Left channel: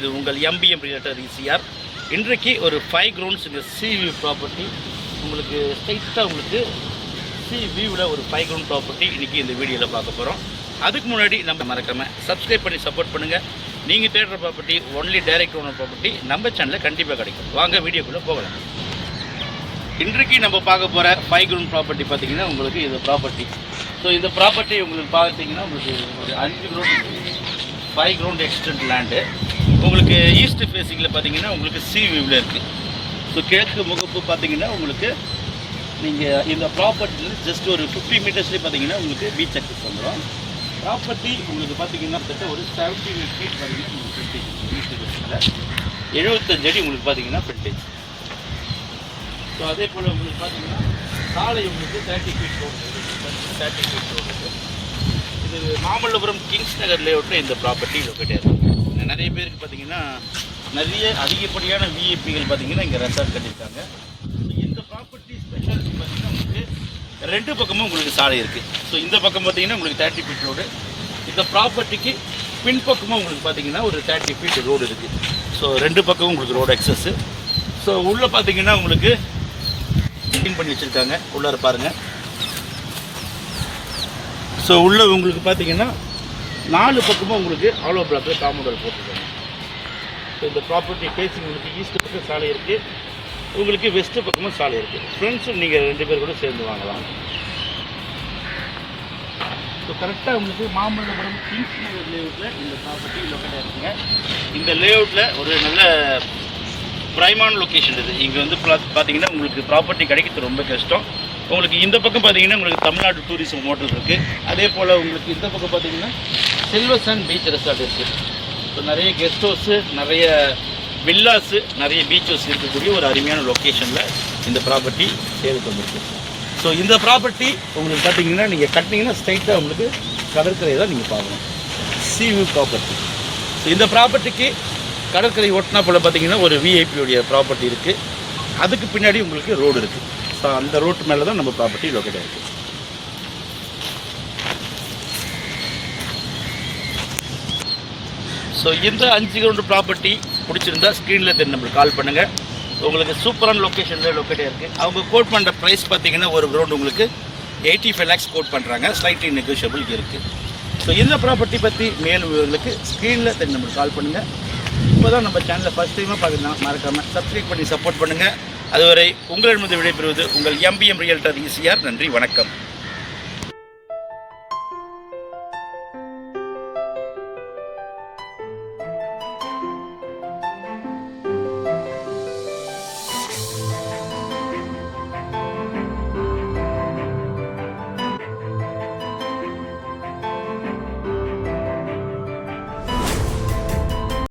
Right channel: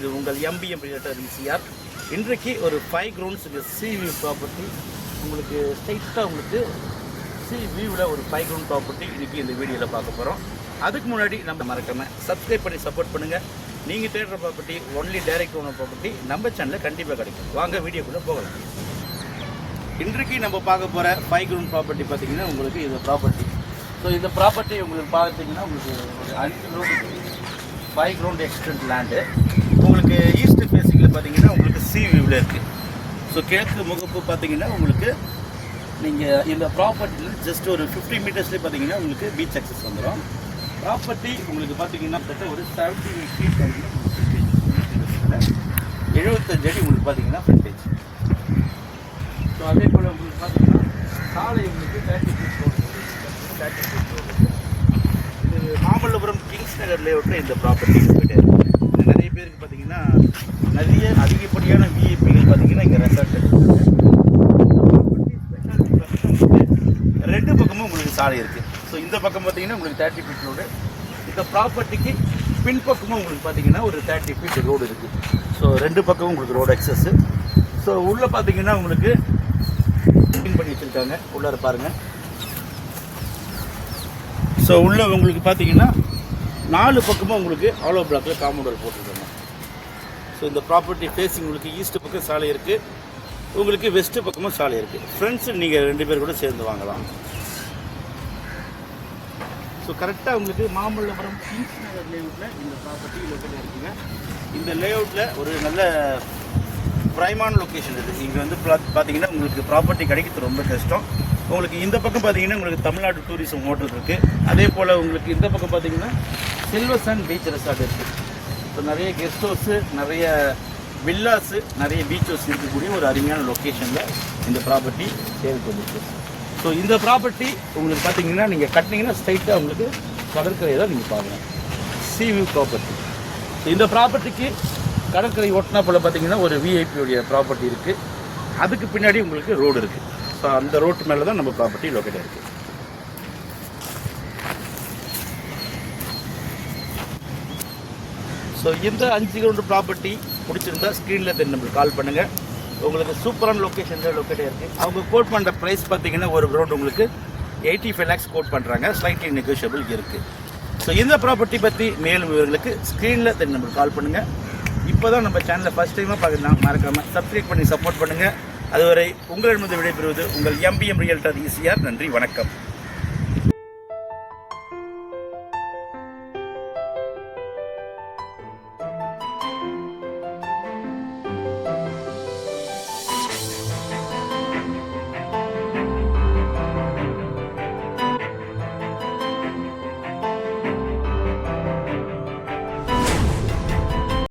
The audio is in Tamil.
இது உங்கள் எம்பிஎம் ரியல்டர் ஈசிஆர். இன்றைக்கு ஒரு 5 கிரவுண்ட்ஸ் இந்த சி வியூ ப்ராப்பர்ட்டி உங்களுக்கு ஸ்ட்ரைட்டாக உங்களுக்கு சி வியூவில் ஒரு 5 கிரவுண்ட் ப்ராப்பர்ட்டி இன்றைக்கி இந்த வீடியோவில் பார்க்க போகிறோம். அதுக்கு முன்னாடி நம்ம மறக்காமல் சப்ஸ்கிரைப் பண்ணி சப்போர்ட் பண்ணுங்கள். நீங்கள் தேடுற property only direct owner property நம்ம சேனலில் கண்டிப்பாக கிடைக்கும். வாங்க வீடியோக்குள்ளே போகலாம். இன்றைக்கு நம்ம பார்க்க போகிற 5 கிரவுண்ட் ப்ராப்பர்ட்டி பார்த்தீங்கன்னா உங்களுக்கு இந்த ப்ராப்பர்ட்டி. ஸோ இந்த ப்ராப்பர்ட்டி உங்களுக்கு பார்த்தீங்கன்னா உங்களுக்கு ஒரு 5 கிரவுண்ட் 5 கிரவுண்ட் எக்ஸ்டென்ட் லேண்டு உங்களுக்கு ஈஸ்ட் ஃபேஸிங்கில் பார்த்தீங்கன்னா உங்களுக்கு சி வியூவில் இருக்குது. ஸோ கிழக்கு முகப்பு பார்த்தீங்கன்னா உங்களுக்கு நீங்கள் இந்த ப்ராப்பர்ட்டியில் ஜஸ்ட் ஒரு 50 மீட்டர்ஸ்லேயே பார்த்தீங்கன்னா உங்களுக்கு பீச் அக்சஸ் வந்துடும். ப்ராப்பர்ட்டி உங்களுக்கு பார்த்தீங்கன்னா ஒரு 75 அடி உங்களுக்கு பார்த்தீங்கன்னா ஃப்ரண்டேஜ். ஸோ அதே போல் உங்களுக்கு பார்த்தீங்கன்னா சாலை உங்களுக்கு 30 ஃபீட் மாமல்லபுரம் கிங்ஸ் நகர் லேஅவுட்டில் இந்த ப்ராப்பர்ட்டி இருக்குது. நிறைய பேருக்கு பார்த்தீங்கன்னா நிறைய அதிகப்படியான விஐபிகள் பார்த்தீங்கன்னா இங்கே ரெசார்ட் கட்டியிருக்காங்க. ஸோ இந்த ப்ராப்பர்ட்டி ஸ்பெஷாலிட்டி பார்த்தீங்கன்னா ரெண்டு பக்கமும் உங்களுக்கு சாலை இருக்குது. ஸோ இந்த பக்கம் பார்த்தீங்கன்னா உங்களுக்கு 30 ஃபீட் ரோடு, இந்த ப்ராப்பர்ட்டிக்கு பின்பக்கமும் உங்களுக்கு பார்த்தீங்கன்னா ஒரு 30 ஃபீட் ரோடு இருக்குது. ஸோ ரெண்டு பக்கமும் உங்களுக்கு ரோடு அக்சஸ்ஸு. ஸோ உள்ளே பார்த்தீங்கன்னா உங்களுக்கு க்ளீன் பண்ணி வச்சுருக்காங்க. உள்ளார பாருங்கள். ஸோ உள்ளே உங்களுக்கு பார்த்தீங்கன்னா 4 பக்கமும் உங்களுக்கு ஆலோ பிளாக்கு காம்பவுண்ட் போட்டுருக்காங்க. ஸோ இந்த ப்ராப்பர்ட்டி ஃபேஸிங் உங்களுக்கு ஈஸ்ட் பக்கம் சாலை இருக்குது, உங்களுக்கு வெஸ்ட்டு பக்கமும் சாலை இருக்குது. ஃப்ரெண்ட்ஸு நீங்கள் 2 பேர் கூட சேர்ந்து வாங்கலாம். ஸோ கரெக்டாக உங்களுக்கு மாமல்லபுரம் கிங்ஸ் நகர் லேஅவுட்டில் இந்த ப்ராப்பர்ட்டி லொக்கேட்டாக இருக்குங்க. இந்த லேஅவுட்டில் ஒரு நல்ல ப்ரைமான லொக்கேஷன் இருக்குது. இங்கே வந்து பார்த்தீங்கன்னா உங்களுக்கு ப்ராப்பர்ட்டி கிடைக்கிறது ரொம்ப கஷ்டம். உங்களுக்கு இந்த பக்கம் பார்த்தீங்கன்னா உங்களுக்கு தமிழ்நாடு டூரிசம் ஹோட்டல் இருக்குது. அதே போல் உங்களுக்கு இந்த பக்கம் பார்த்தீங்கன்னா சில்வர் சாண்ட் பீச் ரெசார்ட் இருக்குது. ஸோ நிறைய கெஸ்ட் ஹவுஸு, நிறைய வில்லாஸு, நிறைய பீச் ஹவுஸ் இருக்கக்கூடிய ஒரு அருமையான லொக்கேஷனில் இந்த ப்ராப்பர்ட்டி சேலுக்கு வந்துருக்கு. ஸோ இந்த ப்ராப்பர்ட்டி உங்களுக்கு பார்த்தீங்கன்னா நீங்கள் கட்டினீங்கன்னா ஸ்ட்ரைட்டாக உங்களுக்கு கடற்கரையை தான் நீங்கள் பார்க்கணும். C view property. ஸோ இந்த ப்ராப்பர்ட்டிக்கு கடற்கரை ஒட்டினா போல் பார்த்தீங்கன்னா ஒரு விஐபியோடைய ப்ராப்பர்ட்டி இருக்குது. அதுக்கு பின்னாடி உங்களுக்கு ரோடு இருக்குது. ஸோ அந்த ரோட்டு மேலே தான் நம்ம ப்ராப்பர்ட்டி லொக்கேட் ஆகிருக்கு. ஸோ இந்த 5 கிரவுண்ட் ப்ராப்பர்ட்டி பிடிச்சிருந்தா ஸ்க்ரீனில் தெரிஞ்சு நம்மளுக்கு கால் பண்ணுங்கள். உங்களுக்கு சூப்பரான லொக்கேஷனில் லொக்கேட் ஆகிருக்கு. அவங்க கோட் பண்ணுற ப்ரைஸ் பார்த்தீங்கன்னா ஒரு கிரவுண்ட் உங்களுக்கு 85 lakhs கோட் பண்ணுறாங்க. ஸ்லைட்லி நெகோஷியபிள் இருக்குது. ஸோ இந்த ப்ராப்பர்ட்டி பற்றி மேல் விவரங்களுக்கு ஸ்க்ரீனில் தெரிஞ்சு நம்மளுக்கு கால் பண்ணுங்கள். இப்போ தான் நம்ம சேனலில் ஃபஸ்ட் டைமாக பார்க்கலாம், மறக்காமல் சப்ஸ்கிரைப் பண்ணி சப்போர்ட் பண்ணுங்கள். அதுவரை உங்களிடமிருந்து விடைபெறுவது உங்கள் எம்பிஎம் ரியல்டர் ஈசிஆர். நன்றி, வணக்கம்.